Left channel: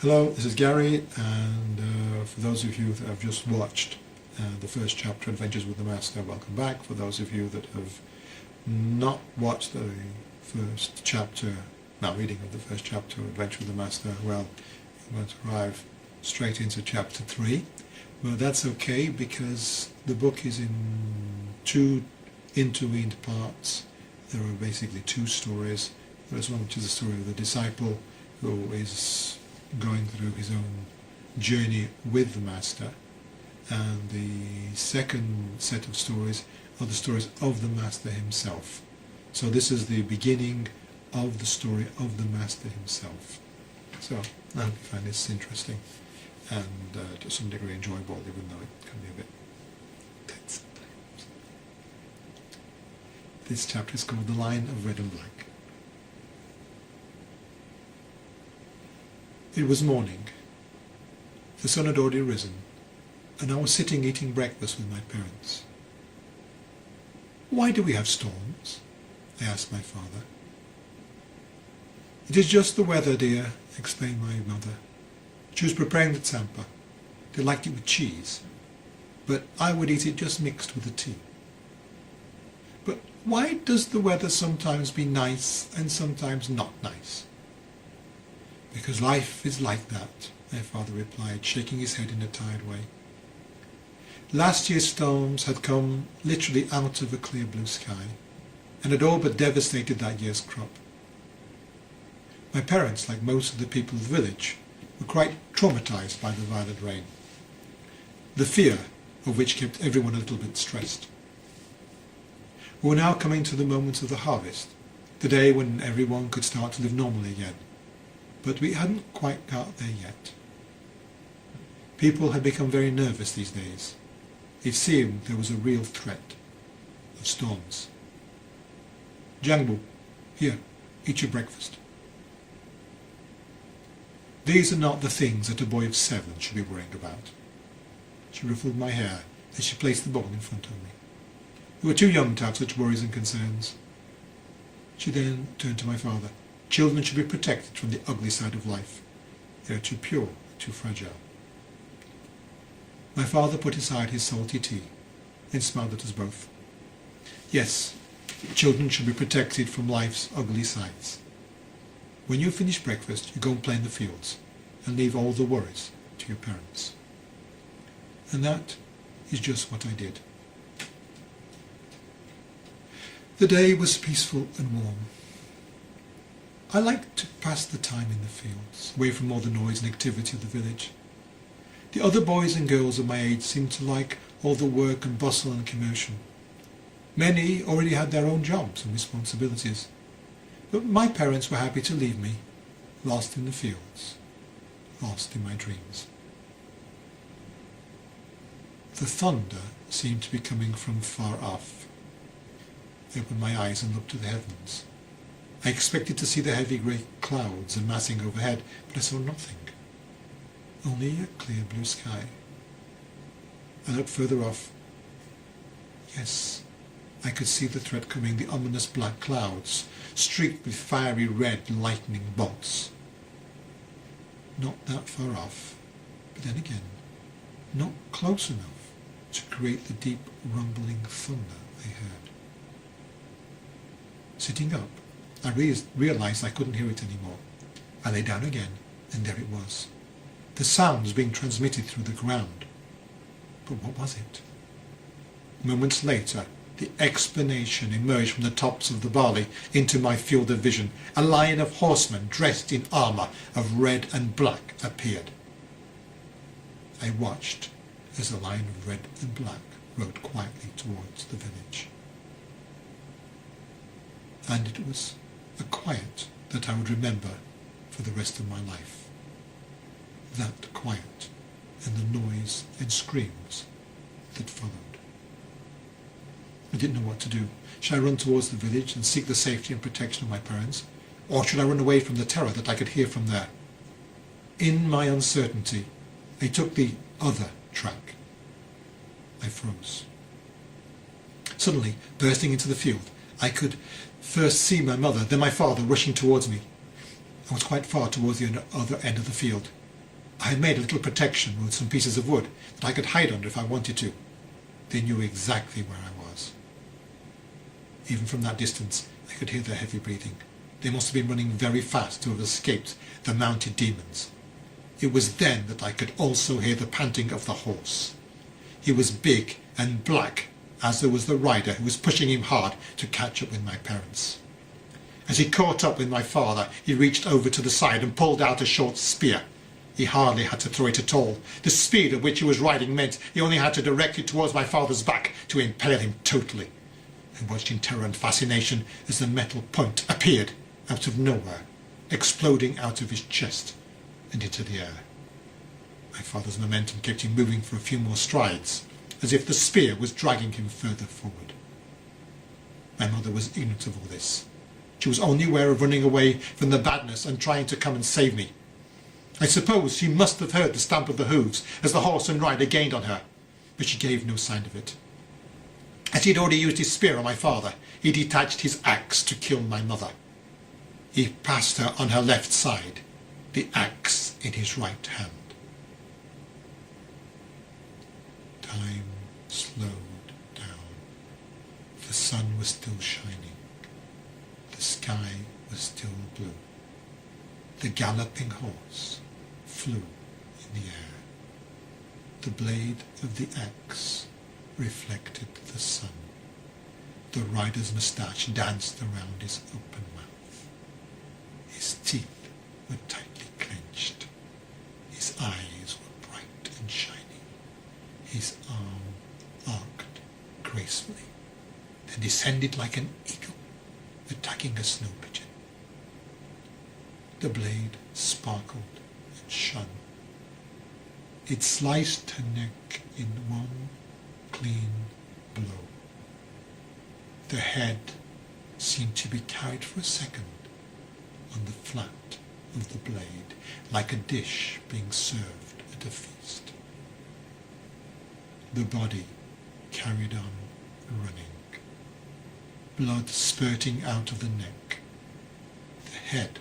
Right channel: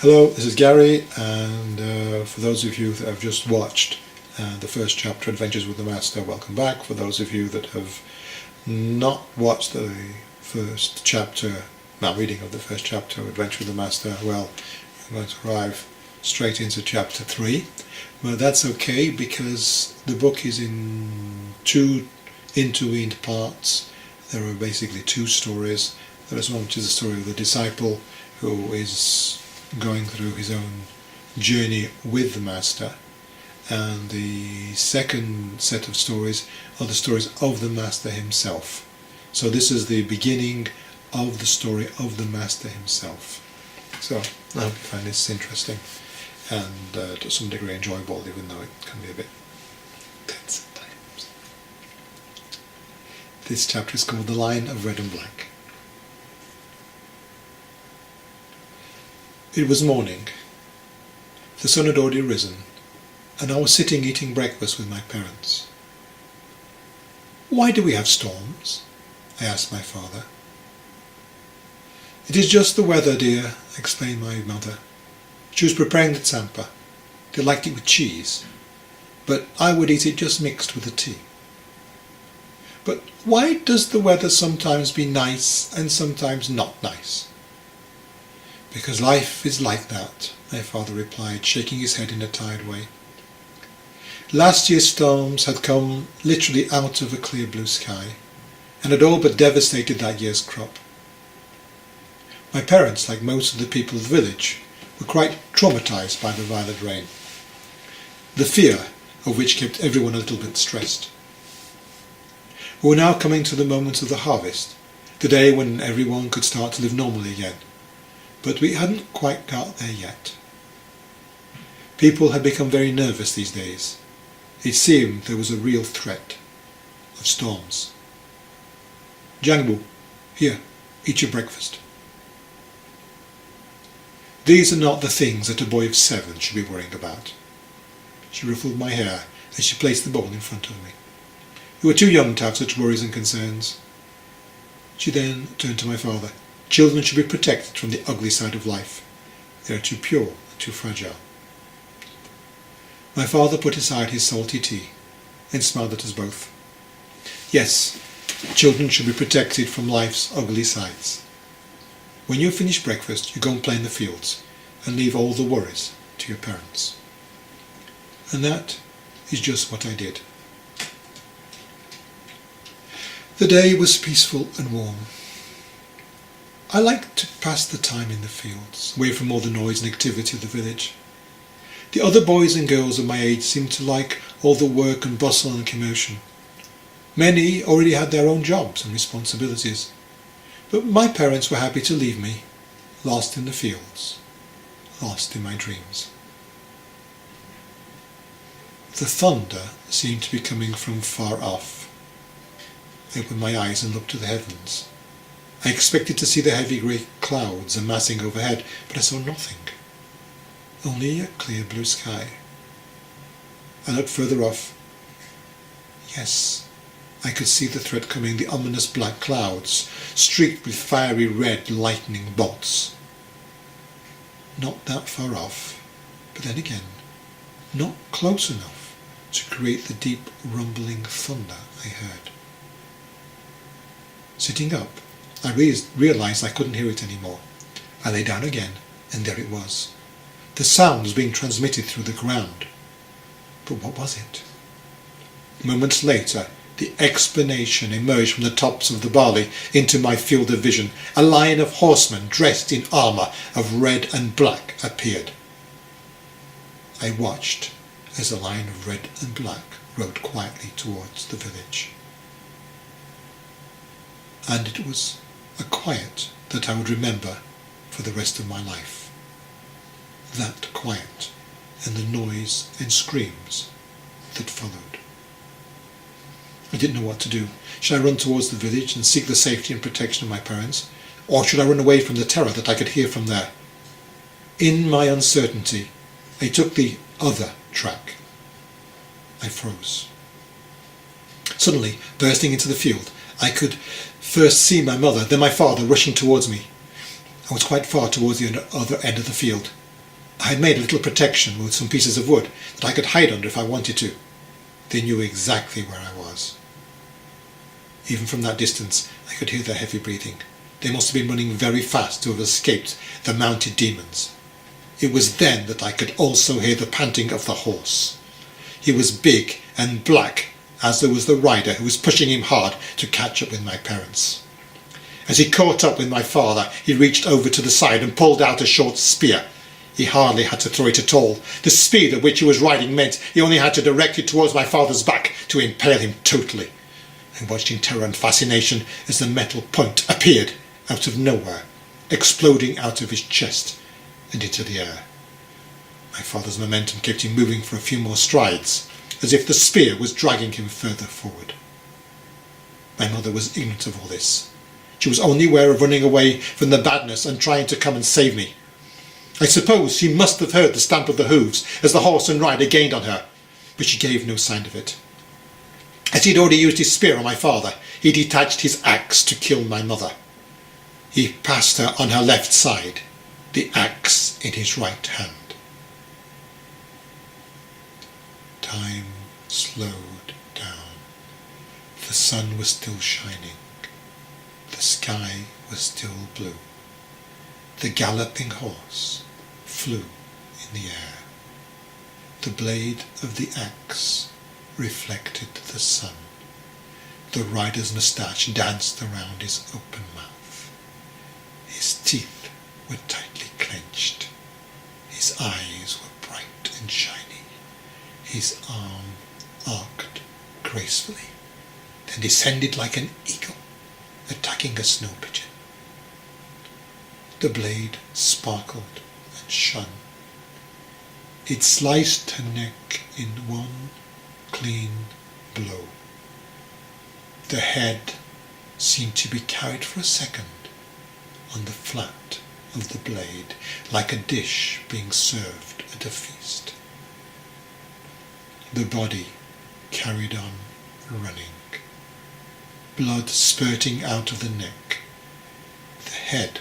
Hello, this is Gary, and for those of you that have just watched the first chapter, Adventures with the Master, welcome back. For those of you that have not watched the first chapter, reading of the first chapter, Adventure with the Master, well, you're going to arrive straight into chapter 3. But that's okay, because the book is in two intervened parts. There are basically two stories. There is one which is the story of the disciple who is going through his own journey with the Master, and the second set of stories are the stories of the Master himself. So this is the beginning of the story of the Master himself. So I hope you find this interesting and to some degree enjoyable, even though it can be a bit tense at times. This chapter is called The Line of Red and Black. It was morning. The sun had already risen, and I was sitting eating breakfast with my parents. "Why do we have storms?" I asked my father. "It is just the weather, dear," explained my mother. She was preparing the tsampa. They liked it with cheese, but I would eat it just mixed with the tea. "But why does the weather sometimes be nice and sometimes not nice?" "Because life is like that," my father replied, shaking his head in a tired way. Last year's storms had come literally out of a clear blue sky, and had all but devastated that year's crop. My parents, like most of the people of the village, were quite traumatized by the violent rain, the fear of which kept everyone a little bit stressed. We were now coming to the moment of the harvest, the day when everyone could start to live normally again. But we hadn't quite got there yet. People had become very nervous these days. It seemed there was a real threat of storms. "Jangbu, here, eat your breakfast." "These are not the things that a boy of 7 should be worrying about." She ruffled my hair as she placed the bowl in front of me. "You are too young to have such worries and concerns." She then turned to my father. "Children should be protected from the ugly side of life. They are too pure and too fragile." My father put aside his salty tea and smiled at us both. "Yes, children should be protected from life's ugly sides. When you finish breakfast, you go and play in the fields and leave all the worries to your parents." And that is just what I did. The day was peaceful and warm. I liked to pass the time in the fields, away from all the noise and activity of the village. The other boys and girls of my age seemed to like all the work and bustle and commotion. Many already had their own jobs and responsibilities, but my parents were happy to leave me, lost in the fields, lost in my dreams. The thunder seemed to be coming from far off. I opened my eyes and looked to the heavens. I expected to see the heavy grey clouds amassing overhead, but I saw nothing. Only a clear blue sky. I looked further off. Yes, I could see the threat coming, the ominous black clouds, streaked with fiery red lightning bolts. Not that far off, but then again, not close enough to create the deep rumbling thunder I heard. Sitting up, I realized I couldn't hear it anymore. I lay down again, and there it was. The sound was being transmitted through the ground. But what was it? Moments later, the explanation emerged from the tops of the barley into my field of vision. A line of horsemen dressed in armour of red and black appeared. I watched as the line of red and black rode quietly towards the village. And it was a quiet that I would remember for the rest of my life. That quiet and the noise and screams that followed. I didn't know what to do. Should I run towards the village and seek the safety and protection of my parents? Or should I run away from the terror that I could hear from there? In my uncertainty, I took the other track. I froze. Suddenly, bursting into the field, I could first see my mother, then my father rushing towards me. I was quite far towards the other end of the field. I had made a little protection with some pieces of wood that I could hide under if I wanted to. They knew exactly where I was. Even from that distance, I could hear their heavy breathing. They must have been running very fast to have escaped the mounted demons. It was then that I could also hear the panting of the horse. He was big and black, as there was the rider who was pushing him hard to catch up with my parents. As he caught up with my father, he reached over to the side and pulled out a short spear. He hardly had to throw it at all. The speed at which he was riding meant he only had to direct it towards my father's back to impale him totally. I watched in terror and fascination as the metal point appeared out of nowhere, exploding out of his chest and into the air. My father's momentum kept him moving for a few more strides, as if the spear was dragging him further forward. My mother was ignorant of all this. She was only aware of running away from the badness and trying to come and save me. I suppose she must have heard the stamp of the hooves as the horse and rider gained on her, but she gave no sign of it. As he had already used his spear on my father, he detached his axe to kill my mother. He passed her on her left side, the axe in his right hand. Time slowed down. The sun was still shining. The sky was still blue. The galloping horse flew in the air. The blade of the axe reflected the sun. The rider's moustache danced around his open mouth. His teeth were tightly clenched. His eyes were bright and shiny. His arm arced gracefully, then descended like an eagle, attacking a snow pigeon. The blade sparkled and shone. It sliced her neck in one clean blow. The head seemed to be carried for a second on the flat of the blade, like a dish being served at a feast. The body carried on running, blood spurting out of the neck. The head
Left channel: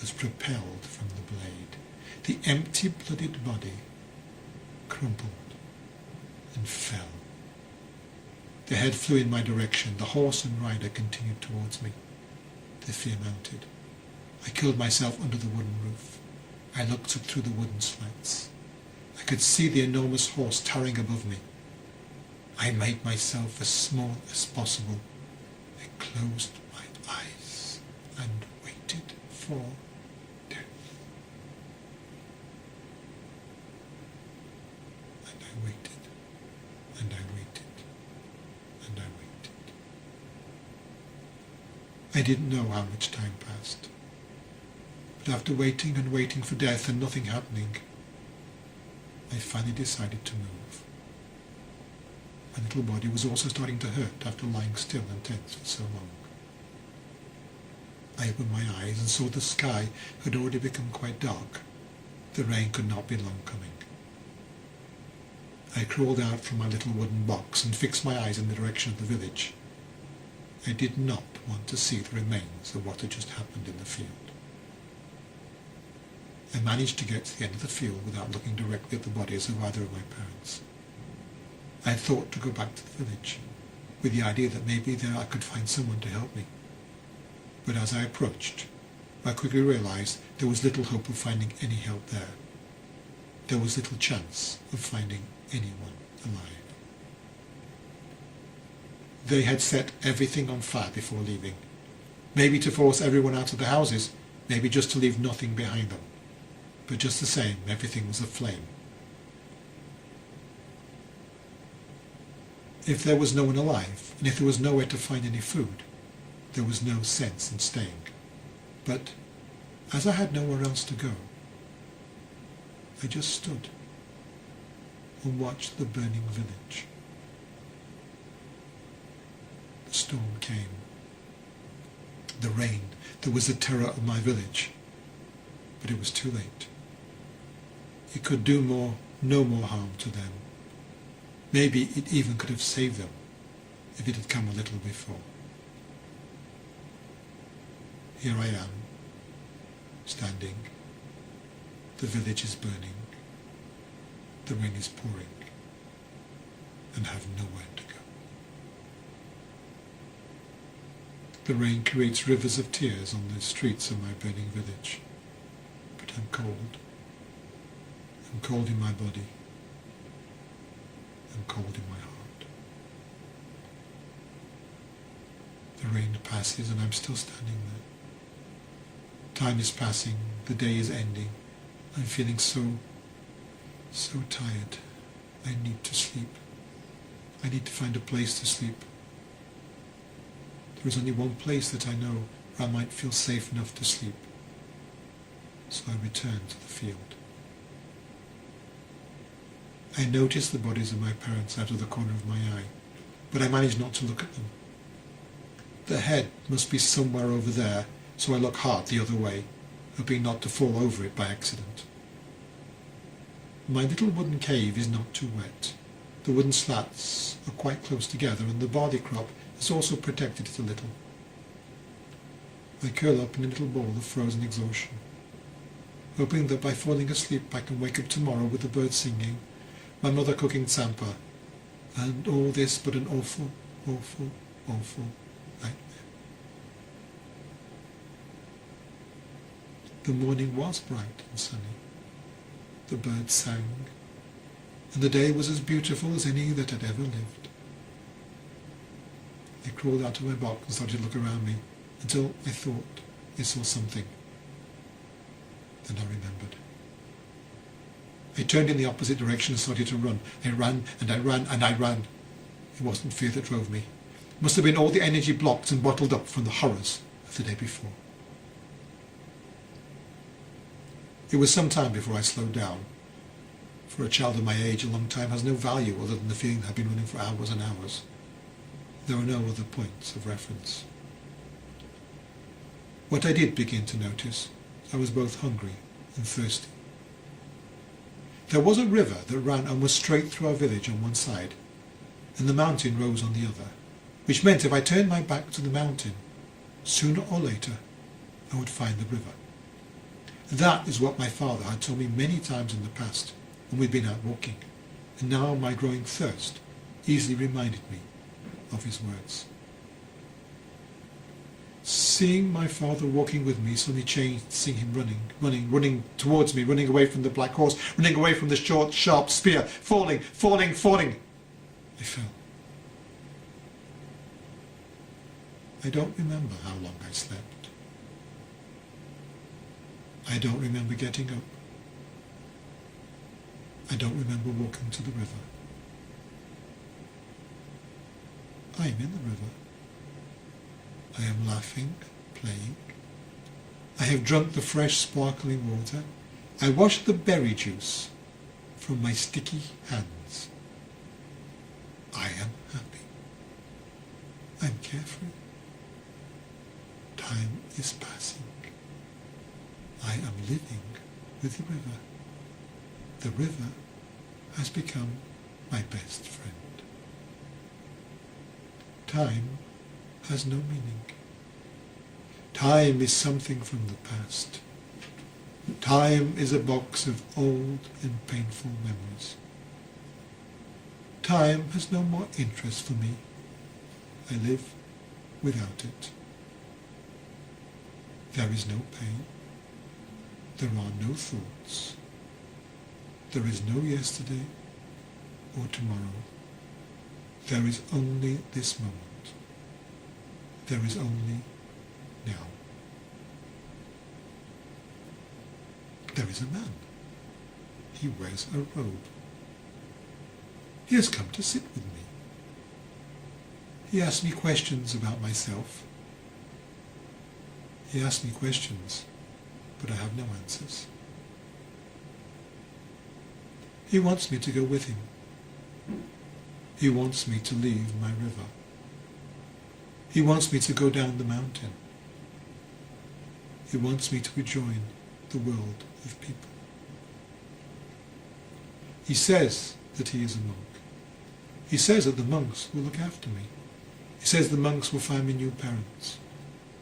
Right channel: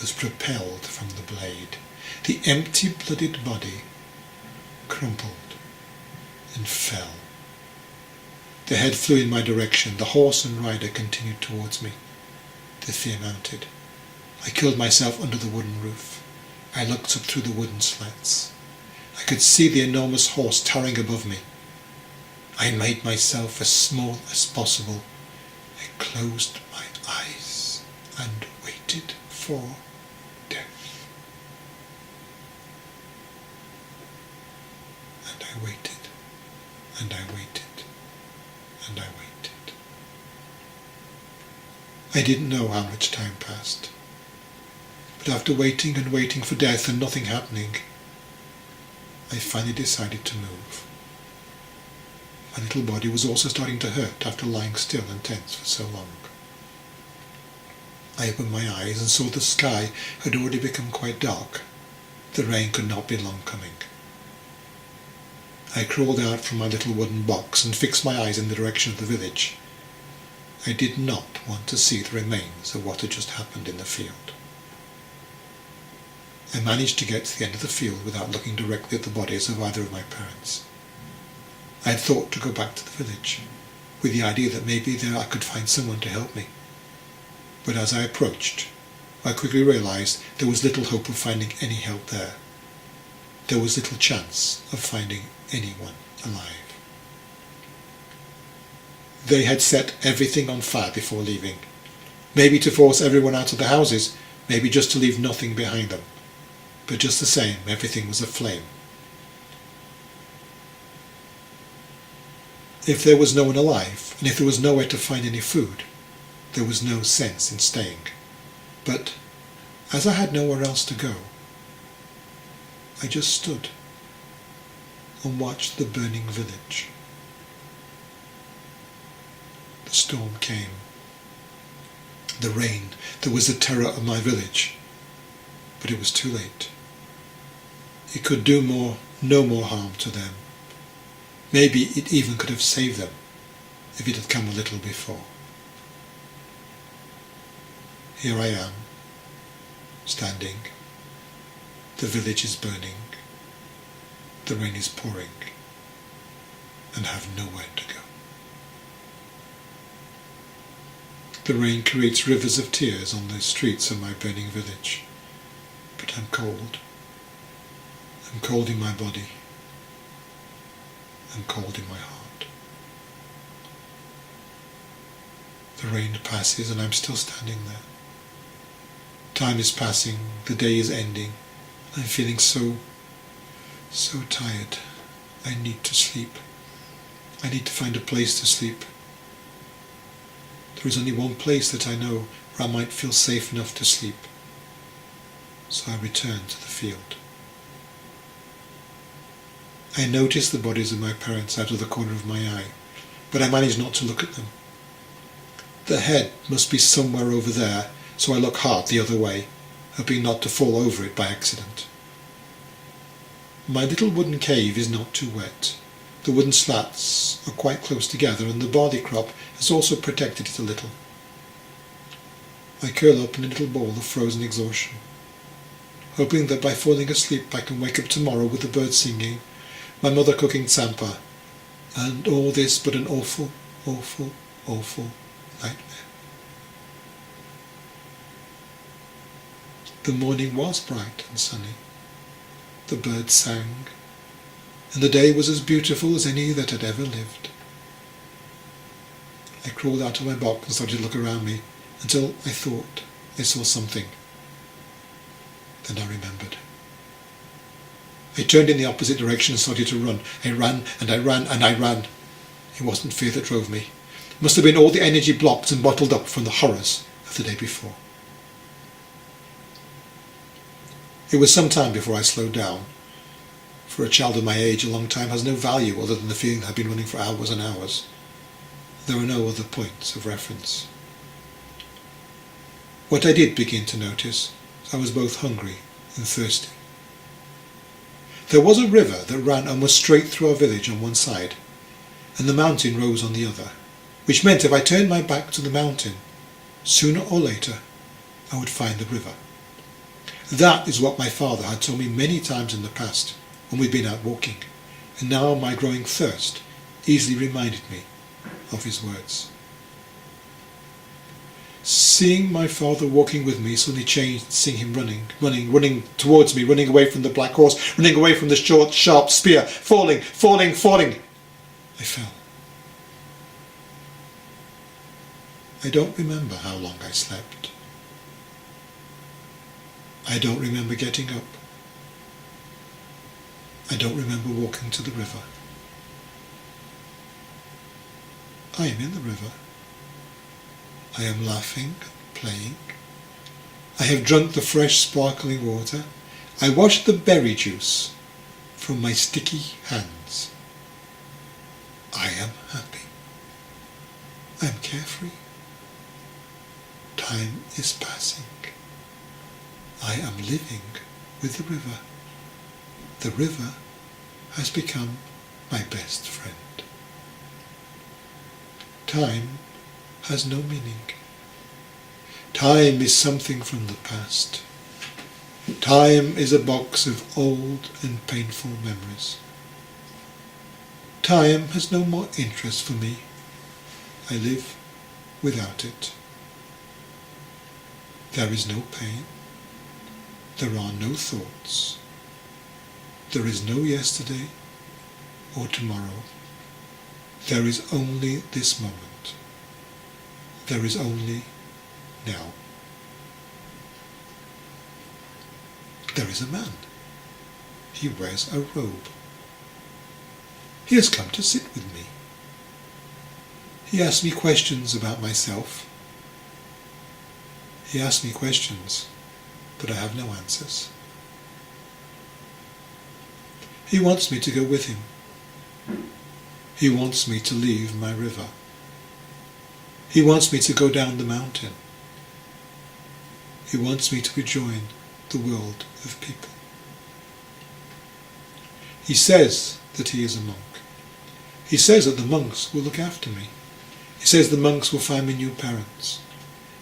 was propelled from the blade. The empty-blooded body crumpled and fell. The head flew in my direction. The horse and rider continued towards me. The fear mounted. I killed myself under the wooden roof. I looked up through the wooden slats. I could see the enormous horse towering above me. I made myself as small as possible. I closed my eyes and waited for death. And I waited, and I waited, and I waited. I didn't know how much time passed, but after waiting and waiting for death and nothing happening, I finally decided to move. My little body was also starting to hurt after lying still and tense for so long. I opened my eyes and saw the sky had already become quite dark. The rain could not be long coming. I crawled out from my little wooden box and fixed my eyes in the direction of the village. I did not want to see the remains of what had just happened in the field. I managed to get to the end of the field without looking directly at the bodies of either of my parents. I had thought to go back to the village, with the idea that maybe there I could find someone to help me. But as I approached, I quickly realized there was little hope of finding any help there. There was little chance of finding anyone alive. They had set everything on fire before leaving, maybe to force everyone out of the houses, maybe just to leave nothing behind them. But just the same, everything was aflame. If there was no one alive, and if there was nowhere to find any food, there was no sense in staying. But as I had nowhere else to go, I just stood and watched the burning village. The storm came. The rain that was the terror of my village. But it was too late. It could do no more harm to them. Maybe it even could have saved them if it had come a little before. Here I am, standing The village is burning. The rain is pouring, and I have nowhere to go. The rain creates rivers of tears on the streets of my burning village, but I'm cold. I'm cold in my body. I'm cold in my heart. The rain passes and I'm still standing there. Time is passing, the day is ending. I'm feeling so tired. I need to sleep. I need to find a place to sleep. There is only one place that I know where I might feel safe enough to sleep. So I return to the field. I notice the bodies of my parents out of the corner of my eye, but I manage not to look at them. The head must be somewhere over there, so I look hard the other way, hoping not to fall over it by accident. My little wooden cave is not too wet. The wooden slats are quite close together and the barley crop has also protected it a little. I curl up in a little ball of frozen exhaustion, hoping that by falling asleep I can wake up tomorrow with the birds singing, my mother cooking tsampa, and all this but an awful, awful, awful nightmare. The morning was bright and sunny. The birds sang, and the day was as beautiful as any that had ever lived. I crawled out of my box and started to look around me until I thought I saw something. Then I remembered. I turned in the opposite direction and started to run. I ran and I ran and I ran. It wasn't fear that drove me. It must have been all the energy blocked and bottled up from the horrors of the day before. It was some time before I slowed down. For a child of my age, a long time has no value other than the feeling that I've been running for hours and hours. There were no other points of reference. What I did begin to notice was I was both hungry and thirsty. There was a river that ran almost straight through our village on one side, and the mountain rose on the other, which meant if I turned my back to the mountain, sooner or later I would find the river. That is what my father had told me many times in the past when we'd been out walking, and now my growing thirst easily reminded me of his words. Seeing my father walking with me suddenly changed, seeing him running towards me, running away from the black horse, running away from the short, sharp spear, falling. I fell. I don't remember how long I slept. I don't remember getting up. I don't remember walking to the river. I am in the river. I am laughing, playing. I have drunk the fresh sparkling water. I washed the berry juice from my sticky hands. I am happy. I am carefree. Time is passing. I am living with the river. The river has become my best friend. Time has no meaning. Time is something from the past. Time is a box of old and painful memories. Time has no more interest for me. I live without it. There is no pain. There are no thoughts. There is no yesterday or tomorrow. There is only this moment. There is only now. There is a man. He wears a robe. He has come to sit with me. He asks me questions about myself. He asks me questions, but I have no answers. He wants me to go with him. He wants me to leave my river. He wants me to go down the mountain. He wants me to rejoin the world of people. He says that he is a monk. He says that the monks will look after me. He says the monks will find me new parents.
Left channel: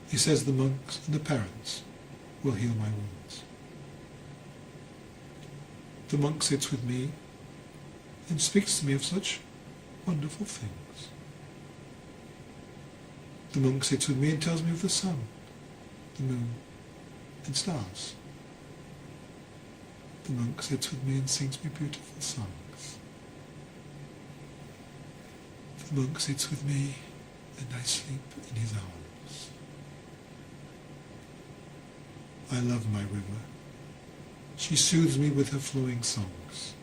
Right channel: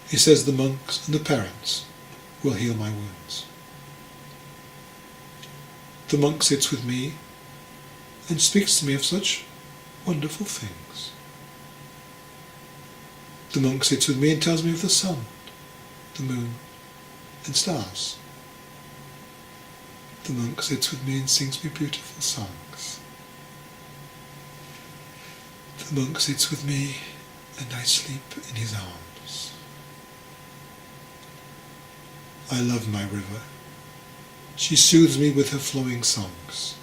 He says the monks and the parents will heal my wounds. The monk sits with me and speaks to me of such wonderful things. The monk sits with me and tells me of the sun, the moon, and stars. The monk sits with me and sings me beautiful songs. The monk sits with me and I sleep in his arms. I love my river. She soothes me with her flowing songs.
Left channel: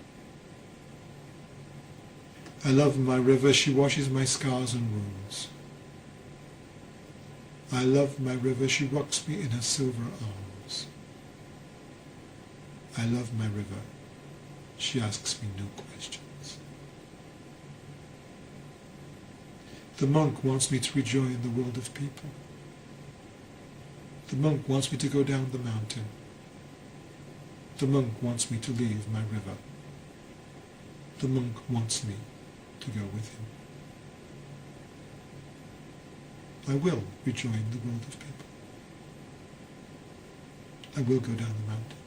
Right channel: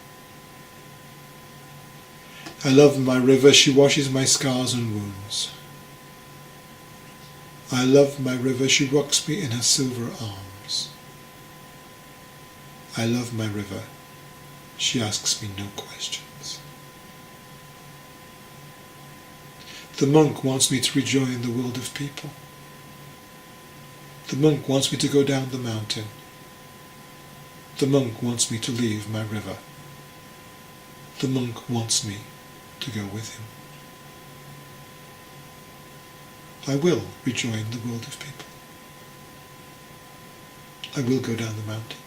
I love my river. She washes my scars and wounds. I love my river. She rocks me in her silver arms. I love my river. She asks me no questions. The monk wants me to rejoin the world of people. The monk wants me to go down the mountain. The monk wants me to leave my river. The monk wants me to go with him. I will rejoin the world of people. I will go down the mountain.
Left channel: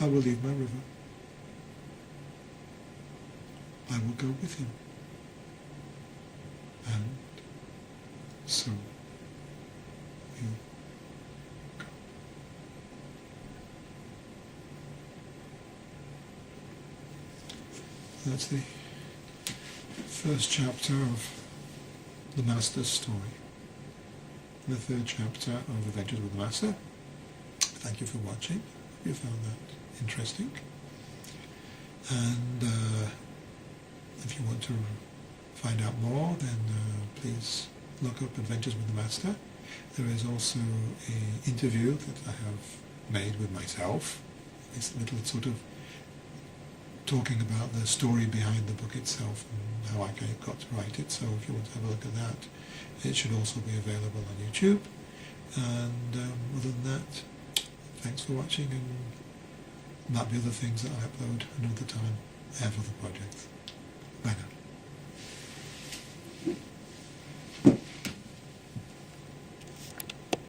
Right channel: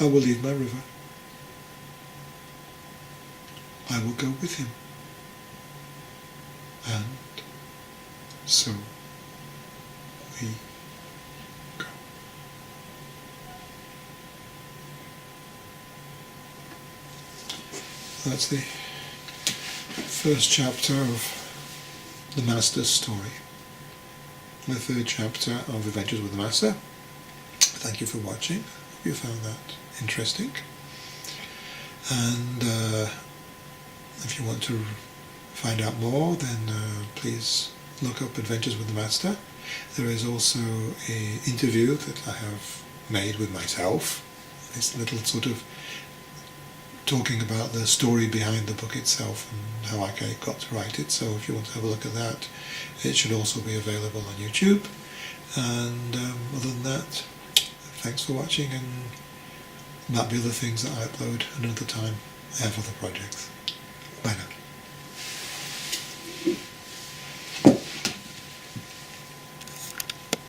I will leave my river. I will go with him. And so we go. That's the first chapter of the Master's story. The third chapter of Adventures with the Master. Thank you for watching. Hope you found that interesting. And if you want to find out more, then please look up Adventures with the Master. There is also an interview that I have made with myself. This little sort of talking about the story behind the book itself and how I got to write it. So if you want to have a look at that, it should also be available on YouTube. And other than that, thanks for watching, and might be other things that I upload another time. I have other projects.